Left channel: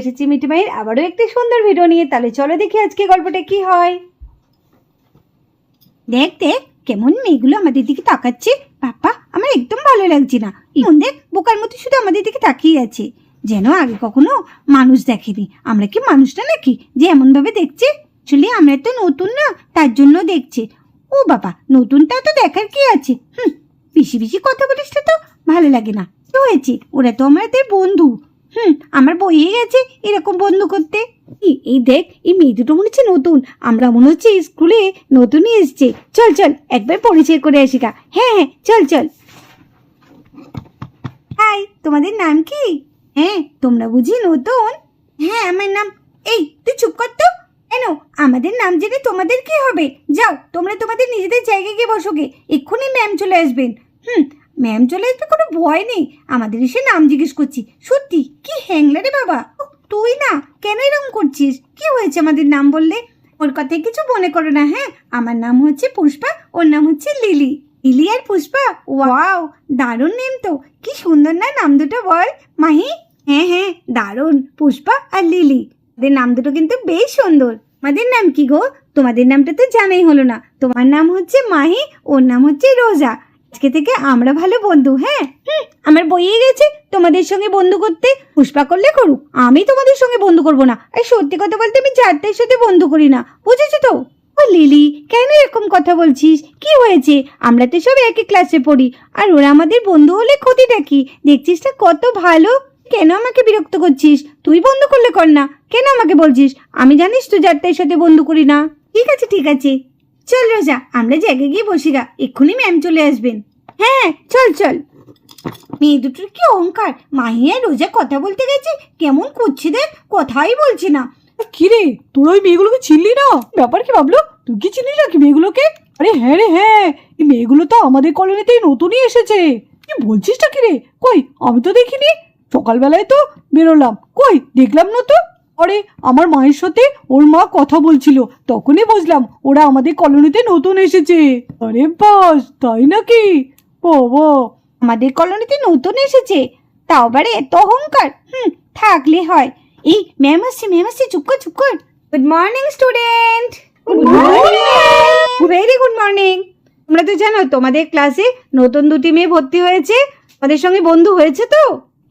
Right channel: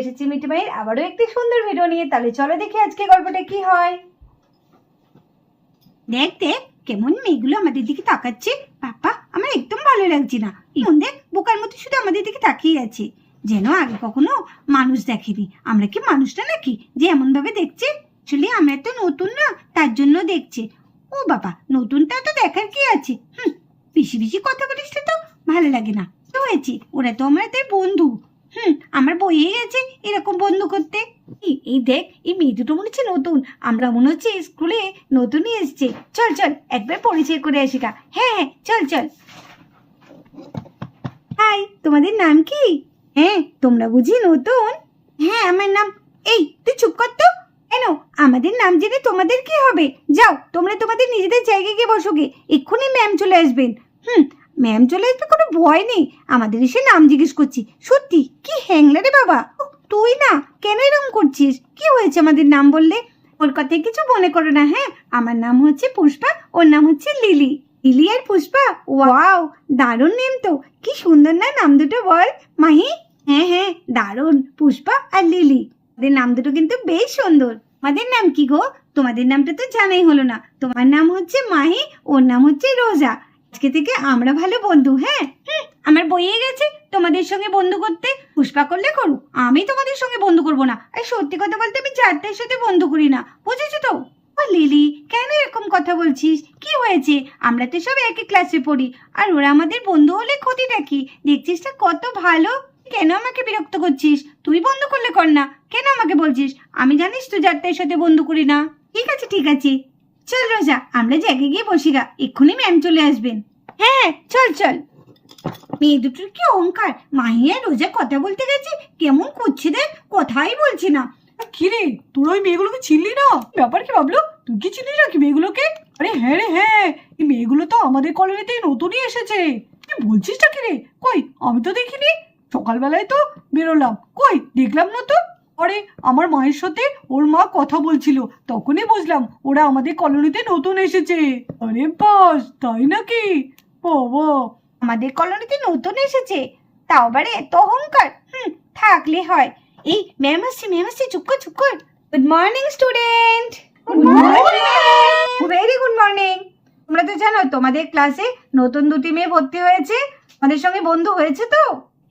এসেছি মিটিমাইয়ের আবারও একটি সুন্দর ভিডিও নিয়ে। তাহলে চলো দেখি আজকে গল্পটা কি হয়। দেখ দেখ কেমন মেয়েগুলো আমাদের দিকে তাকাচ্ছে। বাবা আমার একদম ভালো লাগছে না। দেখ বোকার মতো শুধু আমাদের দিকে তাকিয়ে আছে, যেন আগে কখনো মানুষ দেখেনি। আমরা কি মানুষ না নাকি যে এমন ভাবে দেখছে? আসলে আমরা তো নতুন না, তার জন্য দেখছে। ও বাবা, নতুনটা তো দেখার কি আছে? বেশি বেশি কথা বলিস তো ভালো লাগে না। কি হয়েছে? ওরা তো আমাদের বন্ধু। আমার বইয়ে গেছে এরকম বন্ধু করতে। এই দেখ, এই মেয়ে দুটো মনে হচ্ছে নতুন। আমরা মনে হচ্ছে স্কুলে নতুনই এসছে। চল চল একবার পরিচয় করে আসি গা। হ্যাঁ হ্যাঁ চল চল। হাই, তোমাদের নাম কি? হ্যাঁ, তোমরা বুঝি নতুন? হ্যাঁ আমার নাম। এই তুই চুপ কর তো। কেন? আমাদের নাম জেনে তোমাদের কি হবে? যাও তোমরা তোমাদের নিজেদের জায়গায় গিয়ে বসো গে। এক্ষুনি ম্যাম চলে আসবেন। ম্যাম চলে আসবে, কোনো ভয় নেই। আমাদের এসে নাম জিজ্ঞেস করছি। সত্যি কি হ্যাংলা রে বাবা। তুই না কেন এরকম করছিস? কি হয়েছে আমাদের নাম বললে? ওর কথায় কিছু মনে করো না। হ্যাঁ, আমার নাম হচ্ছে পুষ্পা, ওর নাম হচ্ছে লিলি। লিলি আর পুষ্পা, ওয়াও দারুণ নেম তো। কি সুন্দর না নাম দুটো বল মাহি? হ্যাঁ হ্যাঁ দারুণ, পুষ্পা আর লিলি। ওদের নাম দুটো কিন্তু বেশ সুন্দর। আমাদের নাম কি গো? তোমাদের নামটা তো জানাই হলো না। তোমার নাম হচ্ছে মাহি, ওর নাম হচ্ছে রোজা। আজকে থেকে আমরা ভালো বন্ধু। হ্যাঁ আমার বইয়ে গেছে তোমাদের সঙ্গে বন্ধু করতে। পুষ্পা করলে করুক, আমি তোমাদের সঙ্গে বন্ধু করবো না। আর সত্যি কথা বলতে আমি চারটার সাথে বন্ধু করি না, বুঝেছো তো? ও লিলি, কেন এরকম কথা বলছিস? কি হয়েছে? আমরা তো সব একই ক্লাসে পড়ি, আর ওরা আমাদের বন্ধু হলে ক্ষতিটা কি? দেখছিস না কত ভালো। কেন আমাকে বিরক্ত করছিস? তুই বন্ধু করলে কর না, কেন আমাকে বলছিস? আমি জানিস তো চারটার সাথে বন্ধু করি না। ঠিক আছে ঠিক আছে, চল রোজা আমরা জায়গায় গিয়ে বসি গা। এক্ষুনি ম্যাম চলে আসবেন। হ্যাঁ চল চল। মেয়ে দুটোর কি অহংকার। মাহিয়া রোজা কথা বলতে গেছে, কেমন করছে দেখ, কথাই বলছে না। কিরে, তোর ওই মেয়েগুলোকে চিনলি না? ব্যাপার কি বাবলু, তুই কি চিনিস নাকি মেয়েগুলোকে? আরে হ্যাঁ রে হ্যাঁ, এই মেয়েগুলো তো আমাদের কলোনিতেই নতুনই এসেছে। কি বলছিসটা কিরে? কই আমি তো দেখিনি। সকালবেলায় তো বেরোলাম, কই দেখলাম না তো। আরে আমার মায়ের সাথে ওর মা কথা বলছিল, তখনই বুঝলাম ওরা আমাদের কলোনিতে নতুন এসেছে। আরে বাস, তাই নাকি? বাবা, আমাদের কলোনিতে নতুন এসেছে, তাও আবার এত অহংকার। থাকলে হয়। এই ম্যাম আসছে, চুপ কর চুপ কর। Good morning student. Good morning, very good morning. তোমরা তো জানো তোমাদের ক্লাসে নতুন দুটি মেয়ে ভর্তি হয়েছে। আমাদের সঙ্গে বন্ধু হয়েছে তো?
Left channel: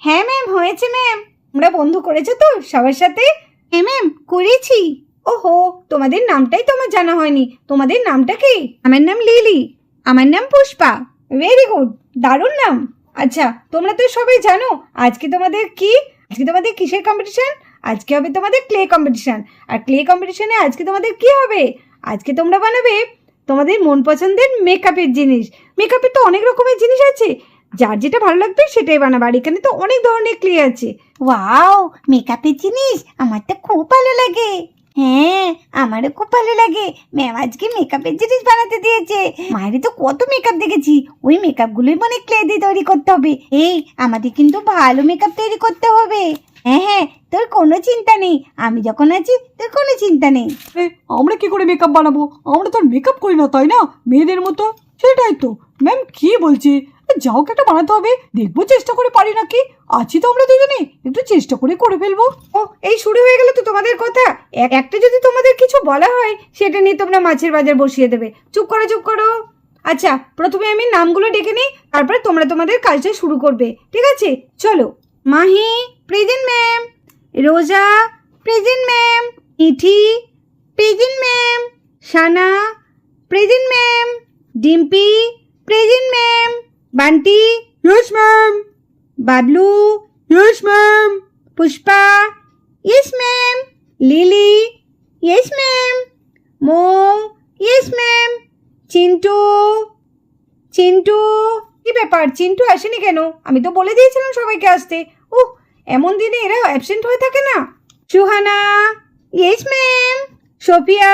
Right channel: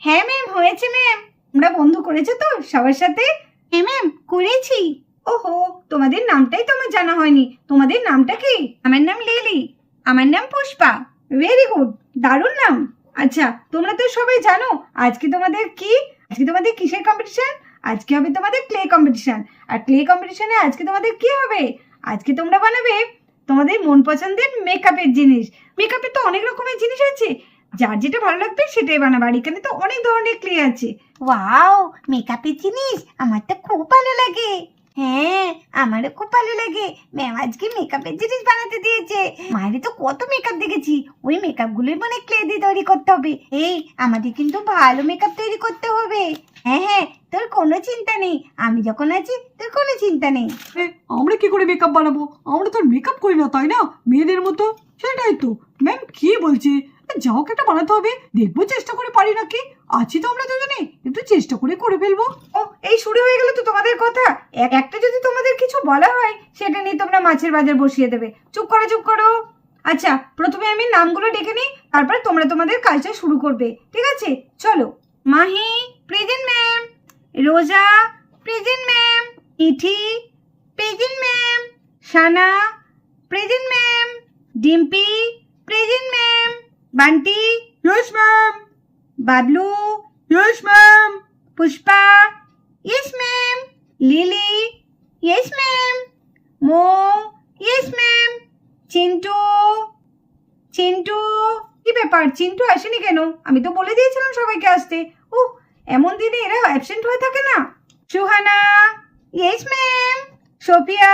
হ্যাঁ ম্যাম হয়েছে ম্যাম। তোমরা বন্ধু করেছো তো সবার সাথে? হ্যাঁ ম্যাম করেছি। ওহো, তোমাদের নামটাই তো আমার জানা হয়নি। তোমাদের নামটা কি? আমার নাম লিলি। আমার নাম পুষ্পা। ভেরি গুড, দারুণ নাম। আচ্ছা তোমরা তো সবাই জানো আজকে তোমাদের কি? আজকে তোমাদের কিসের কম্পিটিশন? আজকে হবে তোমাদের ক্লে কম্পিটিশন। আর ক্লে কম্পিটিশনে আজকে তোমাদের কি হবে? আজকে তোমরা বানাবে তোমাদের মন পছন্দের মেকআপের জিনিস। মেকআপের তো অনেক রকমের জিনিস আছে, যার যেটা ভালো লাগবে সেটাই বানাবে। আর এখানে তো অনেক ধরনের ক্লে আছে। ওয়াও, মেকআপের জিনিস আমার তো খুব ভালো লাগে। হ্যাঁ আমারও খুব ভালো লাগে। ম্যাম আজকে মেকআপের জিনিস বানাতে দিয়েছে। মায়ের তো কত মেকআপ দেখেছি, ওই মেকআপ গুলোই মানে ক্লে দিয়ে তৈরি করতে হবে। এই আমাদের কিন্তু ভালো মেকআপ তৈরি করতে হবে। হ্যাঁ হ্যাঁ, তোর কোনো চিন্তা নেই, আমি যখন আছি তোর কোনো চিন্তা নেই। আমরা কি করে মেকআপ বানাবো? আমরা তো মেকআপ করি না, তাই না, মেয়েদের মতো? সেটাই তো ম্যাম কি বলছি। যাও একটা বানাতে হবে, দেখবো চেষ্টা করে পারি নাকি। আছি তো আমরা দুজনে, একটু চেষ্টা করে ফেলবো। ও এই শুরু হয়ে গেল তো তোমাদের কথা। একটা যদি তোমাদের কিছু বলা হয় সেটা নিয়ে তোমরা মাছের বাজার বসিয়ে দেবে। চুপ করো চুপ করো। আচ্ছা প্রথমে আমি নামগুলো ডেকে নিই, তারপর তোমরা তোমাদের কাজটা শুরু করবে, ঠিক আছে? চলো। Mahi present ma'am. Roja present ma'am. Ithi present ma'am. Sana present ma'am. Dimpi present ma'am. Bunty yes ma'am. Bablu yes ma'am. Pushpa yes ma'am. Lily yes ma'am. Mou yes ma'am. Chintu Chintu কি ব্যাপার, চিন্টু আসেনি কেন? আমি তো বলে দিয়েছিলাম সবাইকে আসতে। উহ, এমন দিনে এরা অ্যাবসেন্ট হয়ে থাকে না। Suhana yes ma'am. সোফিয়া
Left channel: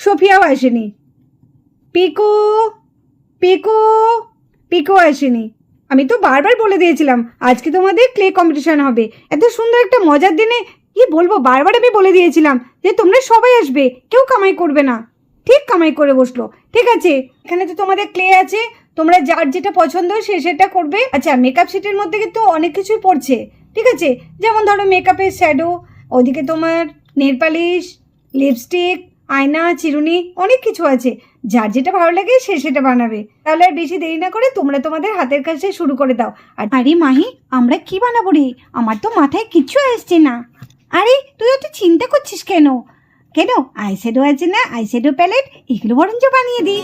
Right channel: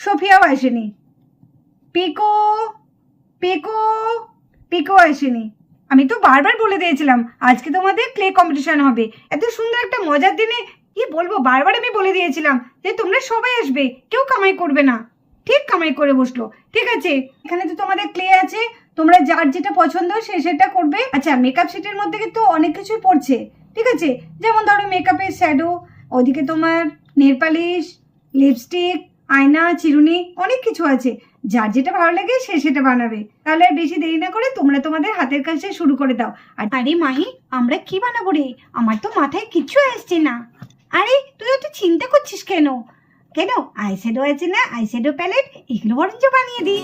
সোফিয়াও আসেনি। পিকু পিকু পিকু আসেনি। আমি তো বারবার বলে দিয়েছিলাম আজকে তোমাদের ক্লে কম্পিটিশন হবে। এত সুন্দর একটা মজার দিনে কি বলবো, বারবার আমি বলে দিয়েছিলাম যে তোমরা সবাই আসবে, কেউ কামাই করবে না। ঠিক কামাই করে বসলো। ঠিক আছে, এখানে তো তোমাদের ক্লে আছে, তোমরা যার যেটা পছন্দ সে সেটা করবে। আচ্ছা মেকআপ সেটের মধ্যে কিন্তু অনেক কিছুই পড়ছে, ঠিক আছে? যেমন ধরো মেকআপের শ্যাডো, ওদিকে তোমার নেল পালিশ, লিপস্টিক, আয়না, চিরুনি, অনেক কিছু আছে। যার যেটা ভালো লাগে সে সেটা বানাবে। তাহলে আর বেশি দেরি না করে তোমরা তোমাদের হাতের কাছে শুরু করে দাও। আর আরে মাহি, আমরা কি বানাবো রে? আমার তো মাথায় কিচ্ছু আসছে না। আরে তুই তো চিন্তা করছিস কেন? কেন, আইশ্যাডো আছে না, আইশ্যাডো প্যালেট, এগুলো বরঞ্চ বানিয়ে দিই।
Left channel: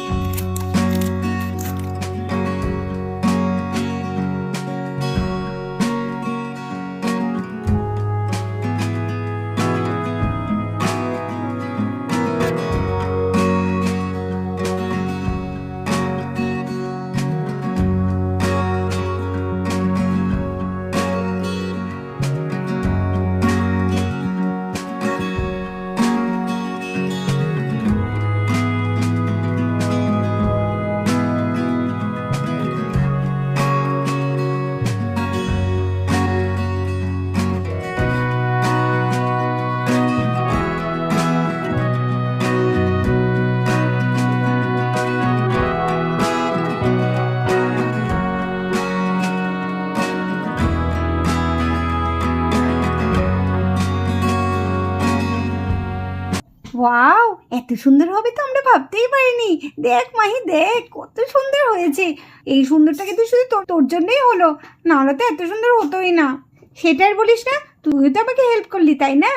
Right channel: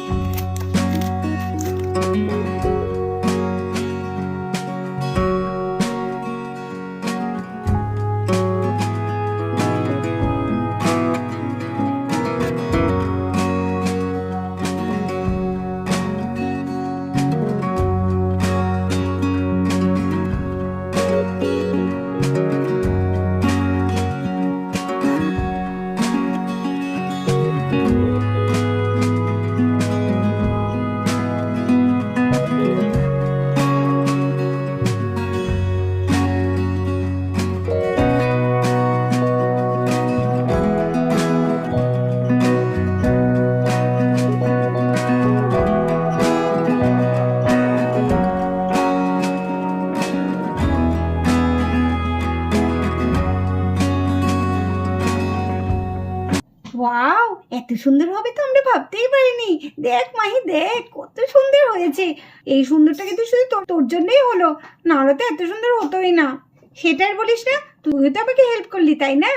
ওয়াও, এত সুন্দর হবে তো আমরা ভাবতেই পারিনি। দেখ মাহি, দেখ কত সুন্দর হয়েছে। এই সুন্দরটা কিন্তু শুধু তোর জন্যই হলো, নাহলে তো এত সুন্দর হতোই না। সেটা আর বলিস না, তুই তো আমাকে হেল্প করলি, তাই না?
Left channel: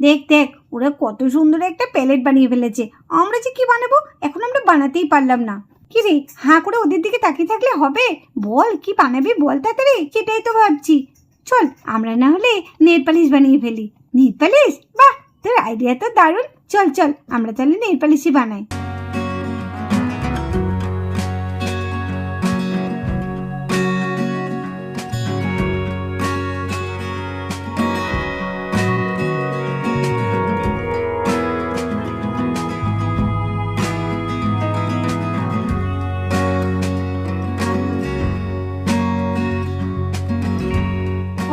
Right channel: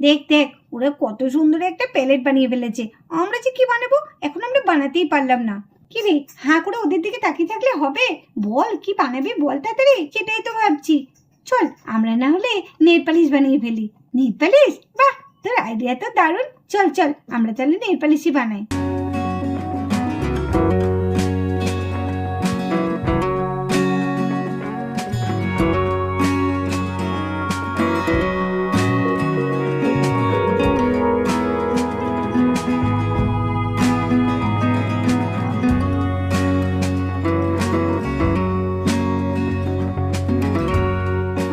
দেখ দেখ, ওরা কত সুন্দর একটা প্যালেট বানিয়ে ফেলেছে। আমরা যে কি বানাবো এখন আমরা বানাতেই পারলাম না। কি রে, হাঁ করে ওদের দিকে তাকিয়ে থাকলে হবে? বল কি বানাবি, বল তাড়াতাড়ি। সেটাই তো ভাবছি। চল আমরা না হলে নেল পালিশ বানিয়ে ফেলি। নেল পালিশ, বাহ, তোর আইডিয়া তো দারুণ। চল চল, আমরা তাহলে নেল পালিশই বানাই।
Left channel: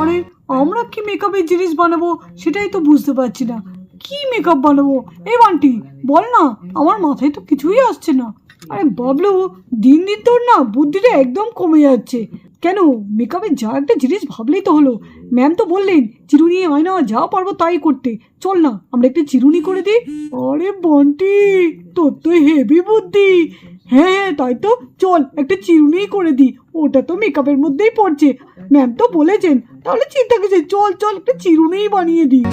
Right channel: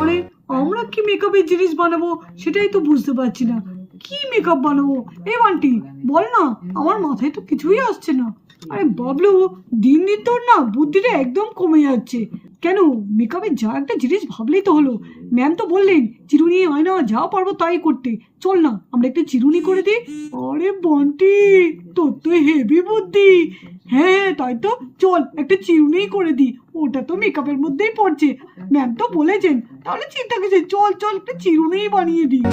আরে আমরা কি মেকআপের জিনিস বানাবো সেটাই তো বুঝতে পারছি না। কি মেকআপ বানাবো? এই বান্টি বল না, আমার মাথায় তো কিছুই আসছে না। আরে বাবলু, দিন দিন তোর না বুদ্ধিটা একদম কমে যাচ্ছে। কেন, মেকআপের যা একটা জিনিস ভাবলেই তো হলো। ম্যাম তো বললেন চিরুনি, আয়না যা পারবো তাই করতে। চল না আমরা একটা চিরুনি করে দিই। আরে বন্টি, তোর তো হেভি বুদ্ধি। হ্যাঁ হ্যাঁ, তাই তো, চল একটা চিরুনি করে দিই। ওটা তো মেকআপের মধ্যেই পড়ছে, ম্যাম তো বলেছেন। তাহলে চিন্তা কিসে, চল চল একটা চিরুনিই বানিয়ে দিই।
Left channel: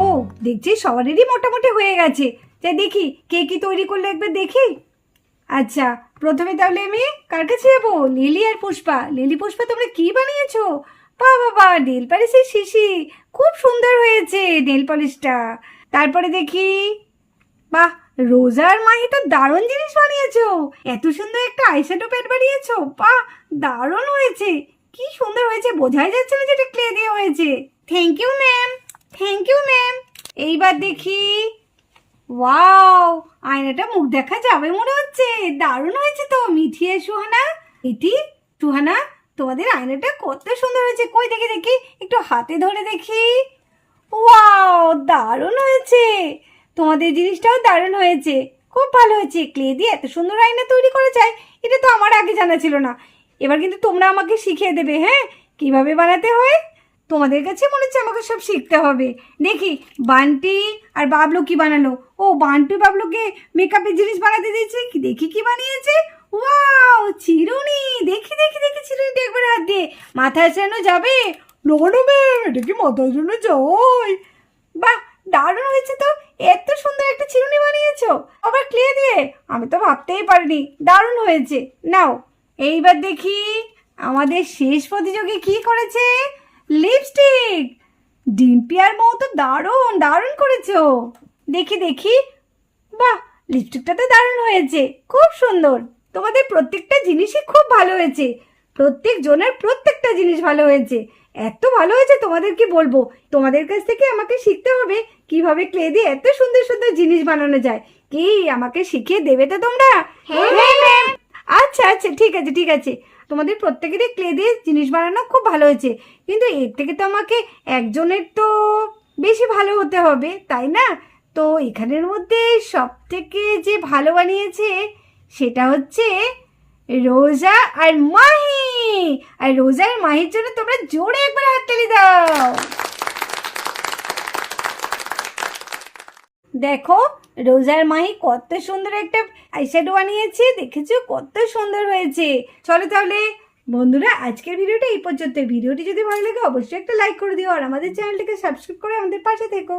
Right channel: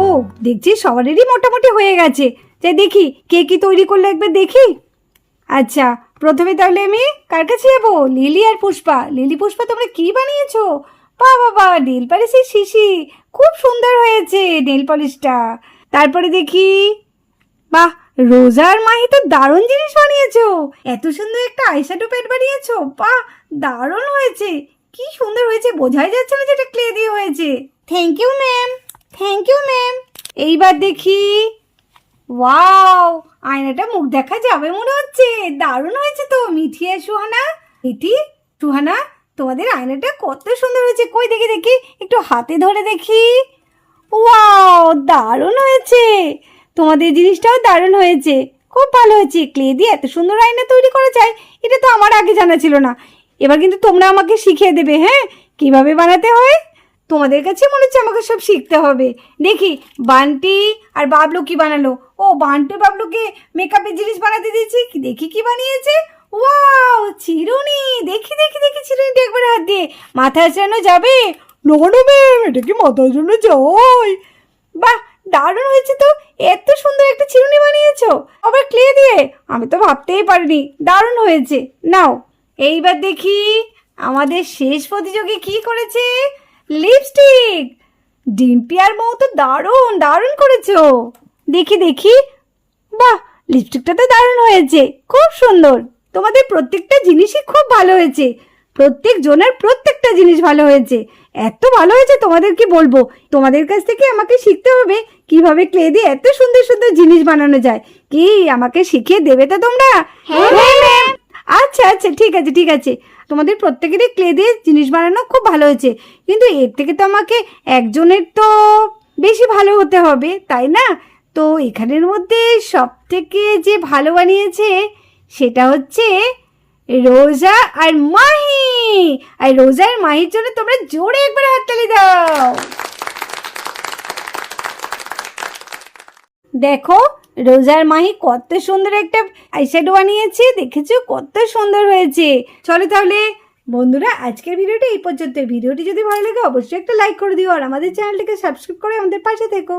ও, দেখছি সবারই মোটামুটি হয়ে গেছে। তাই দেখি কে কি তৈরি করলে একবার দেখি। আচ্ছা, প্রথমে তাহলে আমি কার কাছে যাবো? লিলি আর পুষ্পা। লিলি, পুষ্পা, তোমরা কি বানিয়েছো? বাবা, নেল পালিশের শিশি, খুব সুন্দর হয়েছে নেল পলিশটা। তারপরে দেখি, বাহ, রোজা আর মাহি তো দারুণ জিনিস বানিয়েছো। এত সুন্দর একটা আইশ্যাডো প্যাড বানিয়েছো, বাহ, দারুণ হয়েছে। কি সুন্দর হয়েছে, বোঝাই যাচ্ছে না যেটা ক্লে দিয়ে হয়েছে। Thank you ma'am, thank you ma'am. এইবার দেখি, ওয়াও, আয়নাটা মুখ দেখা যাবে মনে হচ্ছে। দারুণ হয়েছে তো মিঠি আর সুহানা। এটি সুহানা, তোমাদের আয়নাটা কত সুন্দর হয়েছে। কই দেখি দেখি, একটু হাতে ধরে দেখি। ওয়াও, দারুণ হয়েছে। তোমাদের জিনিসটাও দারুণ হয়েছে, খুব ভালো হয়েছে। ক্লে দিয়ে এত সুন্দর আয়না তৈরি করা যায়, এটা তো আমার আগে জানা ছিল না। এবার কিন্তু তোমরা আমাকে শিখিয়ে দেবে, হ্যাঁ, কিভাবে বানাতে হয়। তোমাদের কাছে মনে হচ্ছে আমাকে সব শিখতে হবে। দেখি বান্টি আর বাবলু কি বানালো। ও, বান্টি বাবলুকে মেকআপের জিনিস বানাতে দিয়েছি। কি দেখি কি বানিয়েছে। ওয়াও, চিরুনি। দেখি দেখি দেখি, চিরুনিটা একবার হাত দিয়ে মাথায় আসানো যাবে? না না ম্যাম, এটা কি মাথার জন্য যাই? বাহ, দারুণ হয়েছে তো, এত সুন্দর একটা চিরুনি বানিয়েছো আবার ক্লে দিয়ে, আমি তো ভাবতেই পারিনি। দারুণ হয়েছে। নাও এইবার দেখি আমাদের শেষ প্রতিযোগী কি করেছে। লিপস্টিক। ডিম্পি আর মৌ তো দারুণ দারুণ করেছো। দেখি দেখি, বাহ, লিপস্টিকটা তো দারুণ হয়েছে, খুব সুন্দর। তোমাদের প্রত্যেকটা জিনিসই খুব ভালো হয়েছে, প্রত্যেক জনের প্রত্যেকটা জিনিস ভালো হয়েছে, এত ভালো হয়েছে তোমাদের কি বলবো। তোমাদের কাছ থেকে আমাকে শিখতে হবে কিভাবে ক্লে দিয়ে এত সুন্দর সুন্দর জিনিস বানানো যায়। কি আমাকে শিখিয়ে দেবে তো তোমরা? হ্যাঁ ম্যাম। আচ্ছা আচ্ছা, ঠিক আছে ঠিক আছে। তোমাদের প্রত্যেকেরই ক্লে দিয়ে জিনিস বানানো খুব ভালো হয়েছে, কিন্তু এর থেকে তো আমাকে একজনের তো বেশি ভালো হতে হবে, তাই না? তো এখানের মধ্যে সব থেকে যে ভালো বানিয়েছে সেটা হচ্ছে রোজা আর মাহি। আর রোজা আর মাহির জন্য তোমরা জোরে একবার হাততালি দাও। দেখো রোজার মাহি কত সুন্দর একটা আইশ্যাডো বানিয়েছে, দেখেছো কত সুন্দর হয়েছে। চলো তাহলে বন্ধুরা, আজকের ভিডিওটা এই পর্যন্ত। ভিডিওটি যদি ভালো লাগে অবশ্যই একটা লাইক করে দিও, আর আমাদের চ্যানেলটিকে সাবস্ক্রাইব করে আমাদের পাশে থেকো।